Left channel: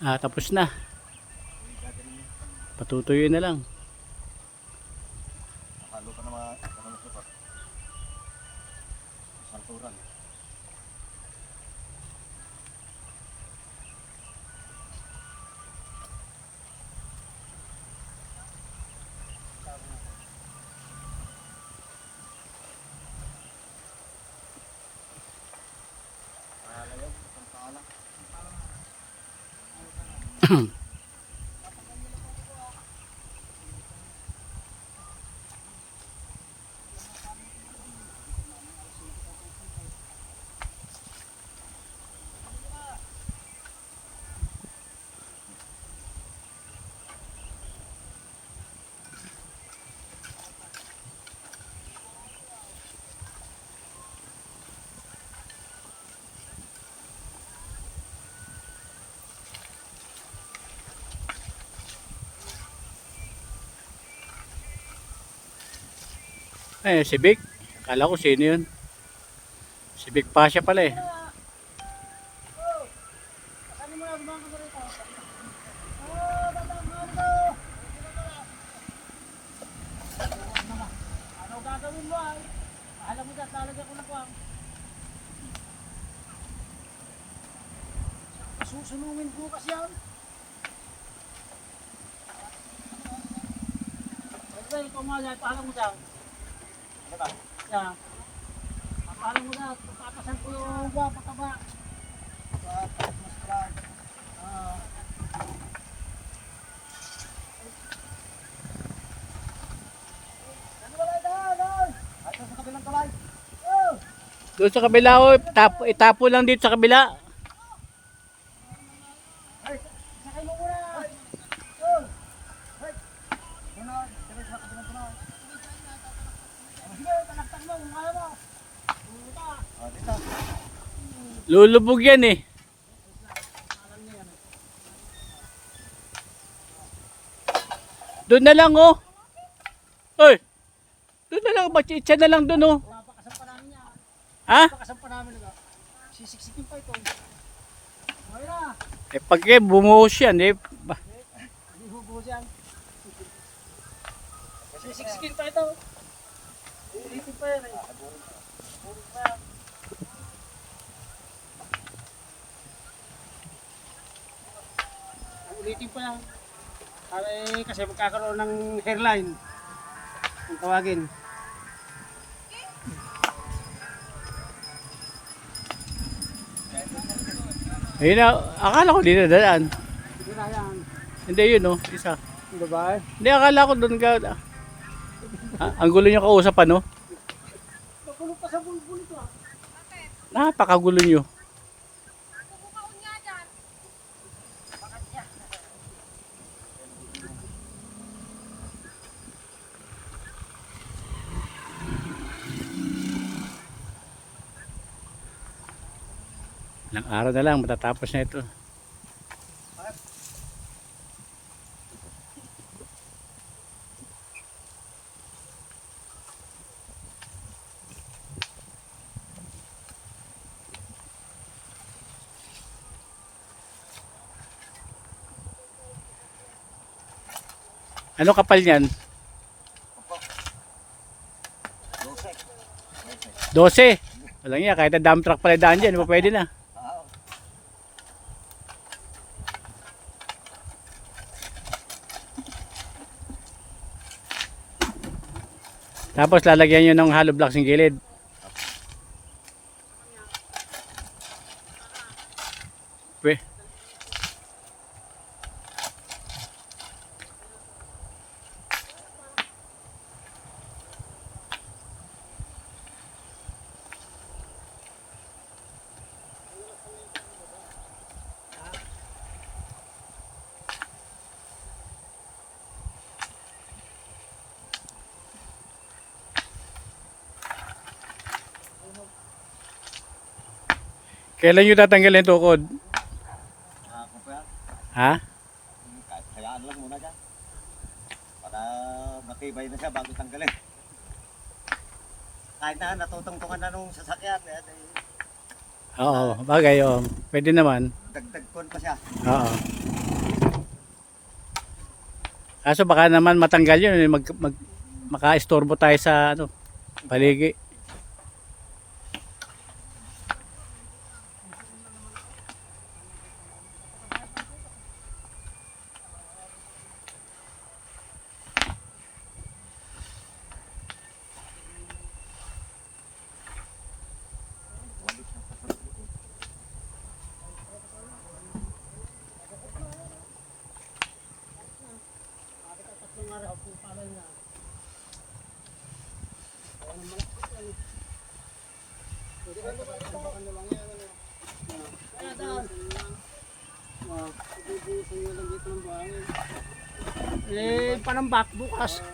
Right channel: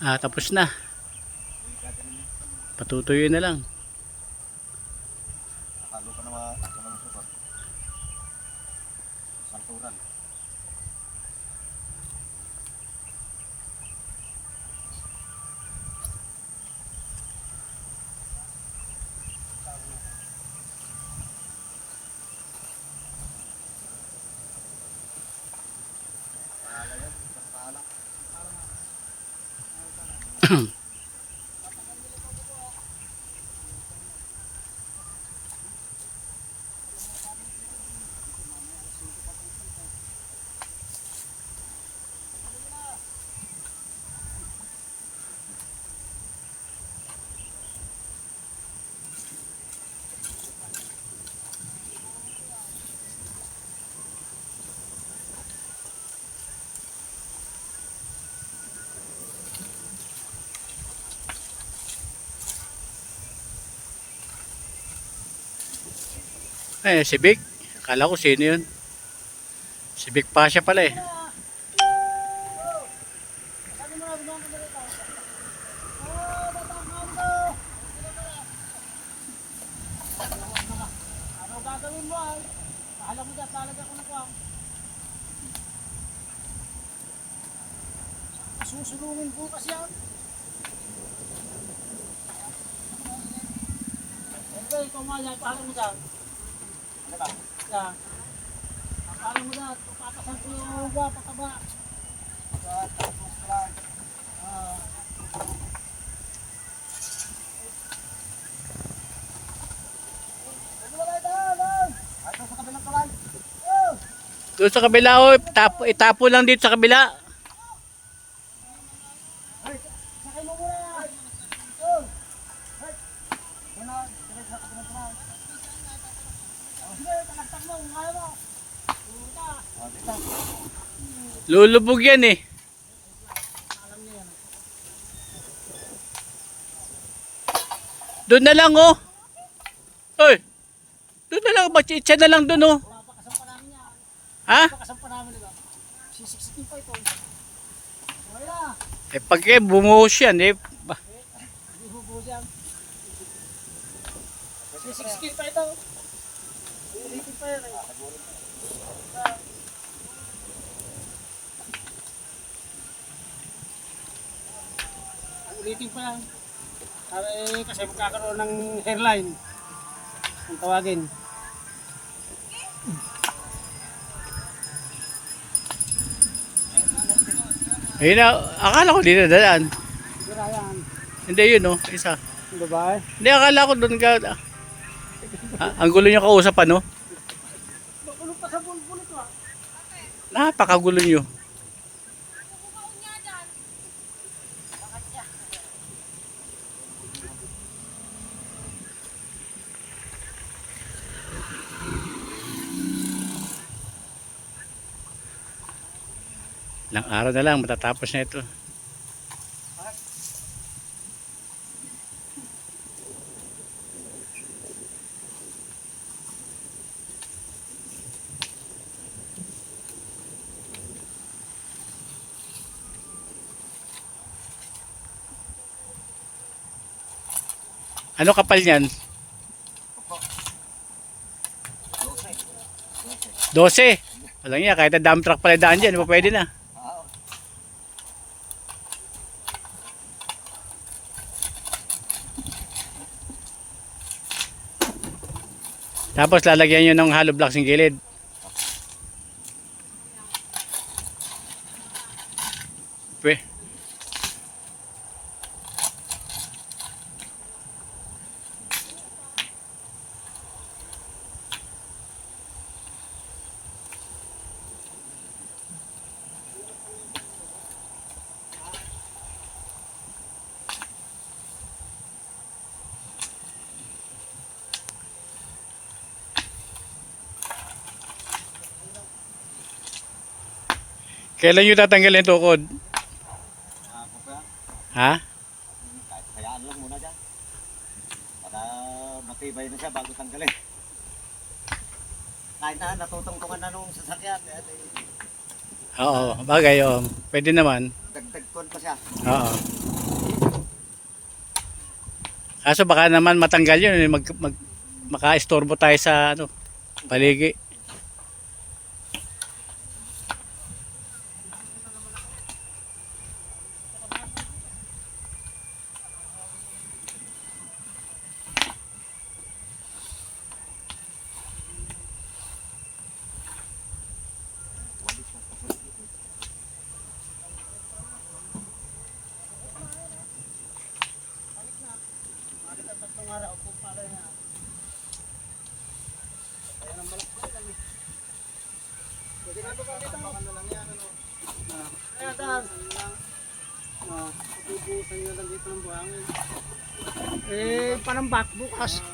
Tapos na. Patutuyuin na lang. Halo ka na sa salturan. Si Vic. Akala ko sino yun. Si Vic Pasha pala eh. Ano gagawin mo ay? Pahala mo dyan, lalagyan ko na kuwang. Susunungin bukas yan. Okay, ikaw mga yan, pahala mo dyan. Ano ba? Yan. Pahala mo dyan, papasan ko yung buwa, pataba. Tapos ka lang. Doon sa kabila oh. Itapo lang dito sa kabila. Sakay mo muna. Oh. Hey. Muna, sakay sa kabilang tulay. Sige, talaktak mo, kung kaya mo. Puta. Dito. Lulubog yan eh. Alam niya yan. Doon na lang oh. Hoy. Doon na lang. Itcha na lang doon oh. Papakasan pa namin yan. Ha? Papakasan pa namin ito. Sisiksikin pa ito. Okay na. Pag bumuhos yan eh. Hindi hubo dyan. Sisiksikin pa ito. Ulitin pa yan eh. Ulitin pa yan. Kasi magkakaroon ng hairline. Kung tawagin. Ayun na. Akala ko dito dadaan. Sige na yan. Hindi yun oh. Isa. Diba? Hindi akala ko doon ka. Ang gulo nyo kausap ano? Makulong pa sa bulbul ito ah. Napakagulo nyo. Ilang araw na lang matatapos na ito. Ano kapal niyan? 12. Walang iya, kahit na dump truck pala daan dyan, pwede na. Tapos lalagyan nyo ng hollow blocks ng gilid. Pwede. Kailan nyo tatanggalin yung tukod? Ha? Hayaan lang muna dyan. Para matibay na siya bago tanggalin. Kahit na natutungtungan na nung sasakyan. Oo, bagay oh. Pwede naman. Dagdag ko pa siya. Oo. Kaso baka naman matanggal yun, maka-istorbo tayo sa ano, paligi. Panambak bukas.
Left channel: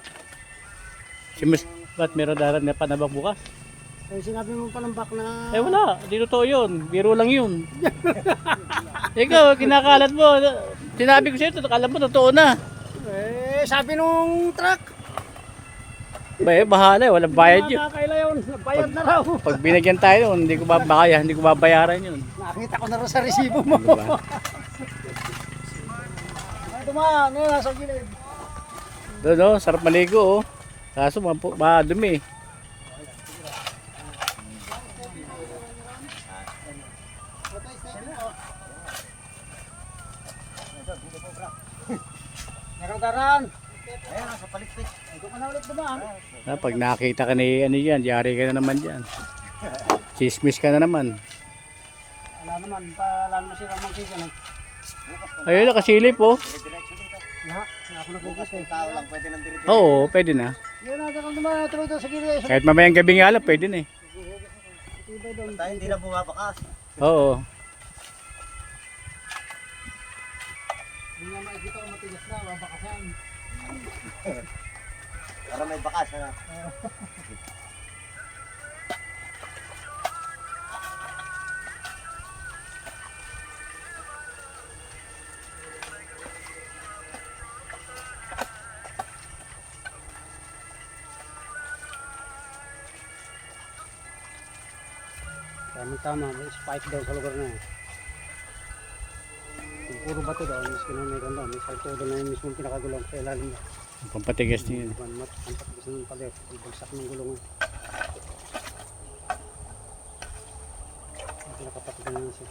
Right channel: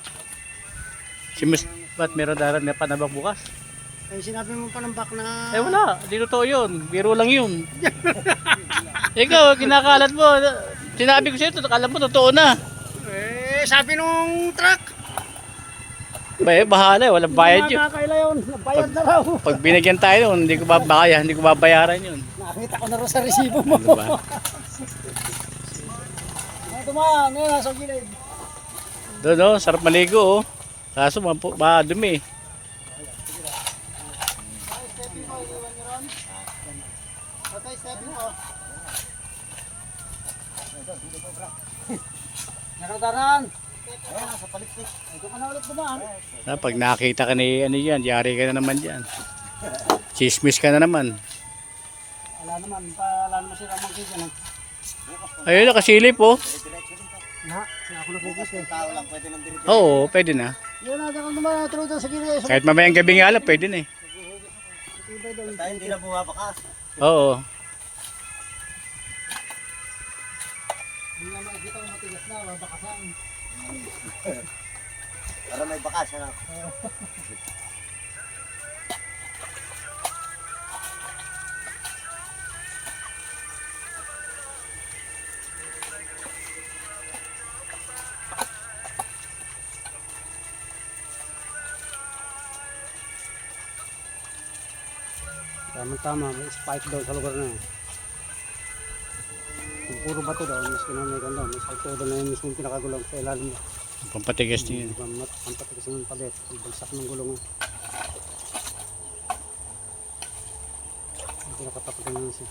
Si Miss, ba't meron darat na panabak bukas? Sinabi mo panambak na... Eh wala, di totoo yun. Biro lang yun. Ikaw, kinakalat mo. Sinabi ko sa'yo, alam mo, totoo na. Sabi nung truck. Bahala, walang bayad yun. Nakakaila yun. Bayad na raw. Pag binigyan tayo nun, hindi ko babayaran yun. Nakita ko na raw sa resibo mo. Ano ba? Dumaan, nasa gilid. Doon, no? Sarap maligo, oh. Kaso, madumi. Nakadaran. Ayan, sa palitik. Ito ka na ulit dumaan. Pag nakita ka ni ano yan, yari ka na naman dyan. Chismis ka na naman. Wala naman, wala naman sila magkita. Ayun, nakasilip, oh. Diretso dito. Ako na Bukas kung tao lang pwede nang diretso. Oo, pwede na. Yun natin kung dumaan, tuloy doon sa gilid. Kahit mamayang gabi nga lang, pwede na eh. Tibay doon. Tayo hindi na bumabakas. Oo. Hindi nga makikita kung matigas na, babakasan. Para may bakas, ano? Tama, may spike daw sa lugar na yun. Yung puro bato daw, miski na may ganda, may spike daw na yung miski yung pinakagulang sa ilalim mo. Pampatigas niya yun. Ang patigas ng palit, yung bagsak ng gulong mo. Ang pinakatapat ng miski.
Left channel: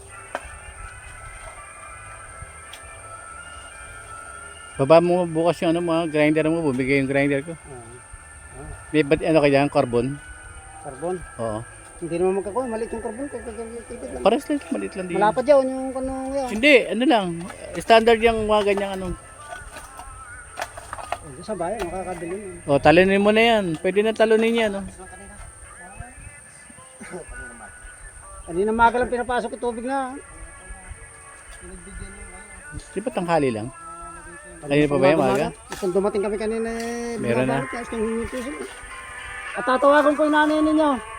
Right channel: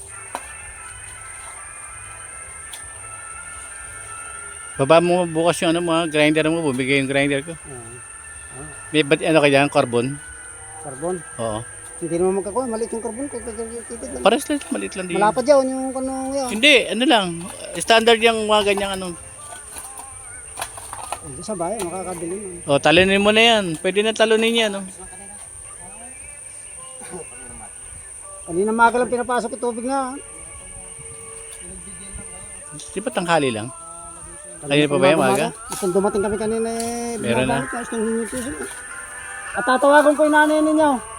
Baba mo bukas yung ano, mga grinder mo, bumigay yung grinder ko. May ano ka dyan, carbon? Carbon? Oo. Hindi naman magkakuha, maliit yung carbon, tipid lang. Pares lang, maliit lang din. Malapad yun, yung kanong yun. Hindi, ano lang. Standard yung mga ganyang ano. Sa bayan, makakabili mo. O, talunin mo na yan. Pwede na talunin yan, no? Kanina maga lang pinapasok yung tubig na. Di ba tanghali lang? Kanina pa ba yung maga? Kung dumating kami kanina eh. Meron na. At tatawagan ko yung nanay ninyo.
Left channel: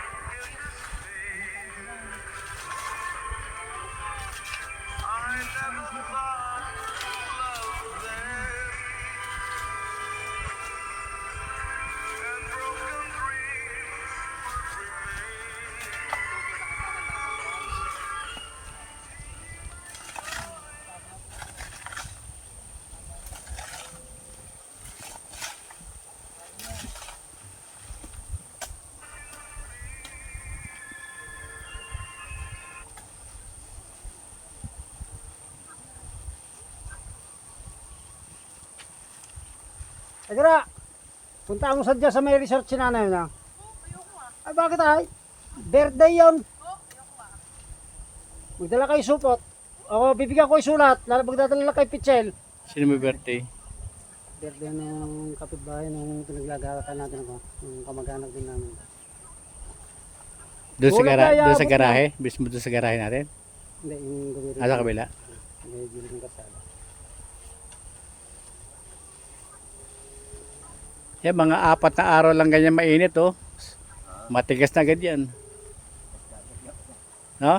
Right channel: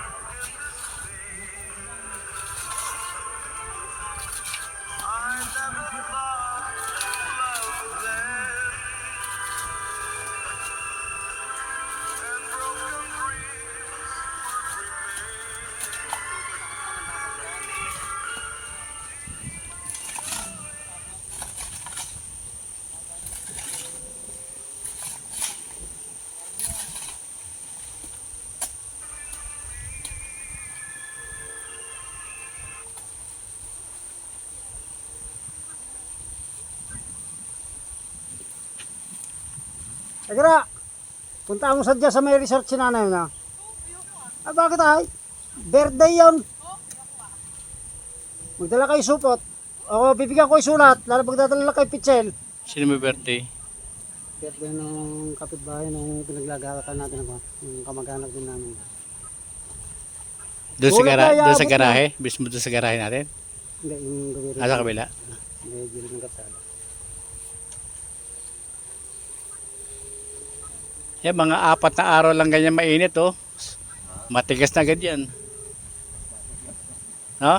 Agara, punta mo sadya sa may resort si nanay na. Ah, bakit ay? Birthday yun. Magdala kayo supot. O, bibigyan ko yung sulat. Lalo magdadala kayo pichel. Sino may birthday? Birthday ng kapitbahay nung pinaglagawatan natin ako. Yung kamag-anak din namin. Doon sa garahe? Mismo doon sa garahe natin? Hindi, yung gawin. Sa kabila? Hindi, gilid ng kapsada. Yan, mga 4 na araw lang ganyan mainit, oh. Matigas na agad yan. No?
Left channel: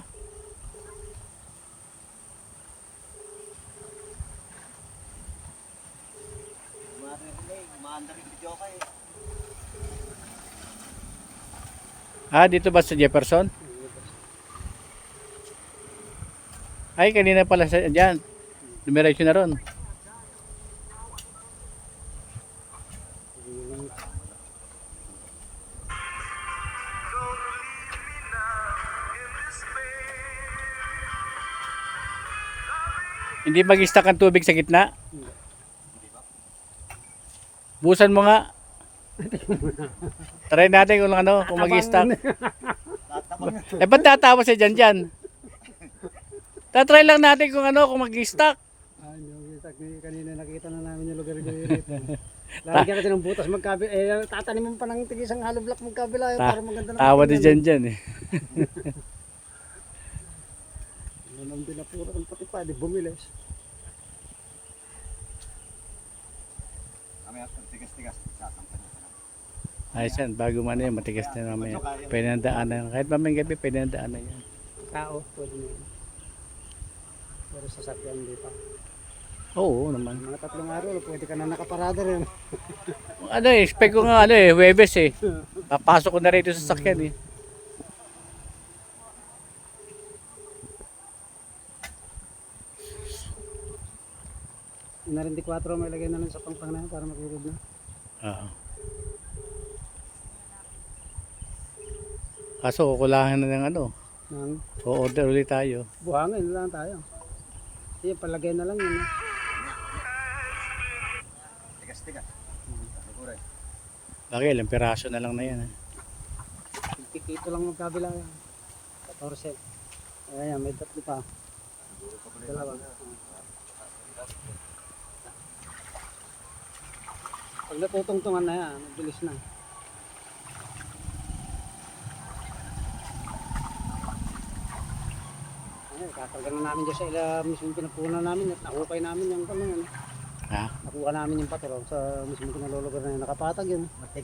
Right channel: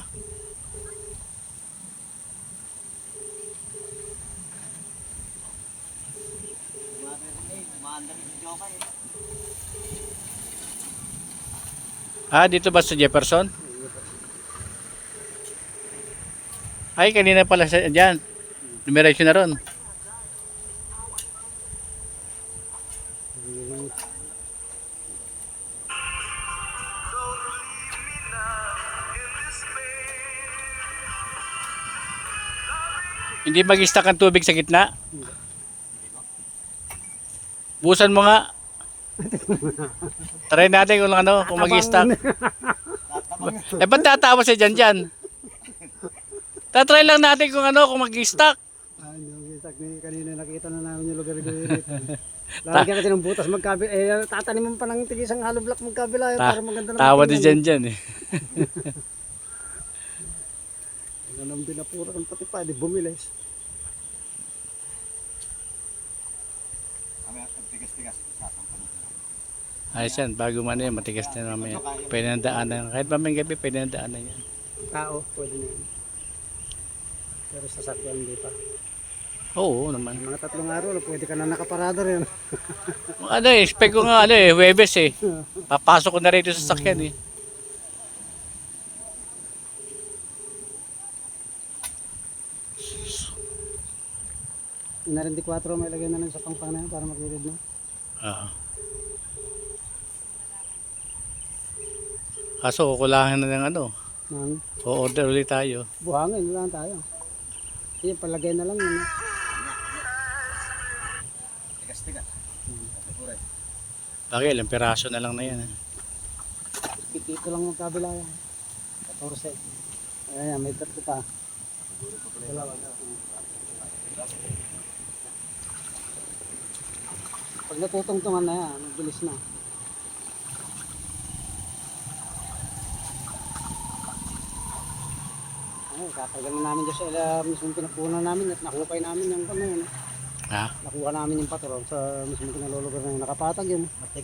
Ah, dito ba sa Jefferson? Ay, kanina pala siya dyan. Numeration na ron. Hindi mag-stack ang tubig sa gitna. Busan mo nga. Try natin kung ano, kung mag-stack. Eh, ba't tatawa siya dyan? Tatry lang natin kung ano, kung mag-stack. Kanina nakita na namin yung lugar dito. Lalagyan kasi ng butas magkabila. Eh, tataniman pa ng tigisang hollow block magkabila. Para maganda na. Tawa din dyan eh. Anong binapura ng pati pa, di bumilis. Kami pag tigas-tigas, sasampan ko na. Ayos yan, bago man yan, matigas na mamaya. Pwede na daanan. Kahit mamayang gabi, pwede na daanan yan. Tao, pwede na yun. Pero sasakyan di pa. Oo naman. Mga 3 araw, pwede ka na nakaparada rin. Ano eh, expect ko nga Huwebes eh. Papasok ko na rito sa sakyan eh. Yung 4 may lagay na lang sa pangpang na yun para magilid na. Oo. Kaso kukulangan na ng ano. O-order ulit tayo. Buhangin na lang tayo. Sige, palagay na lang yun. Tigas-tigas. Siguray. Bagay, ilang piraso na lang na yan. Tito lang magkabila yan. 14. Ayan, may 3 pa. Dalawa. Pag natutungtungan na yan, mabilis na. Ay, katagal na namin doon sa mismo pinapunan namin at nakupay namin yung kanya. Ha? Nakuha namin yung patron sa mismo kinalulugar na yun. Nakapatag yun.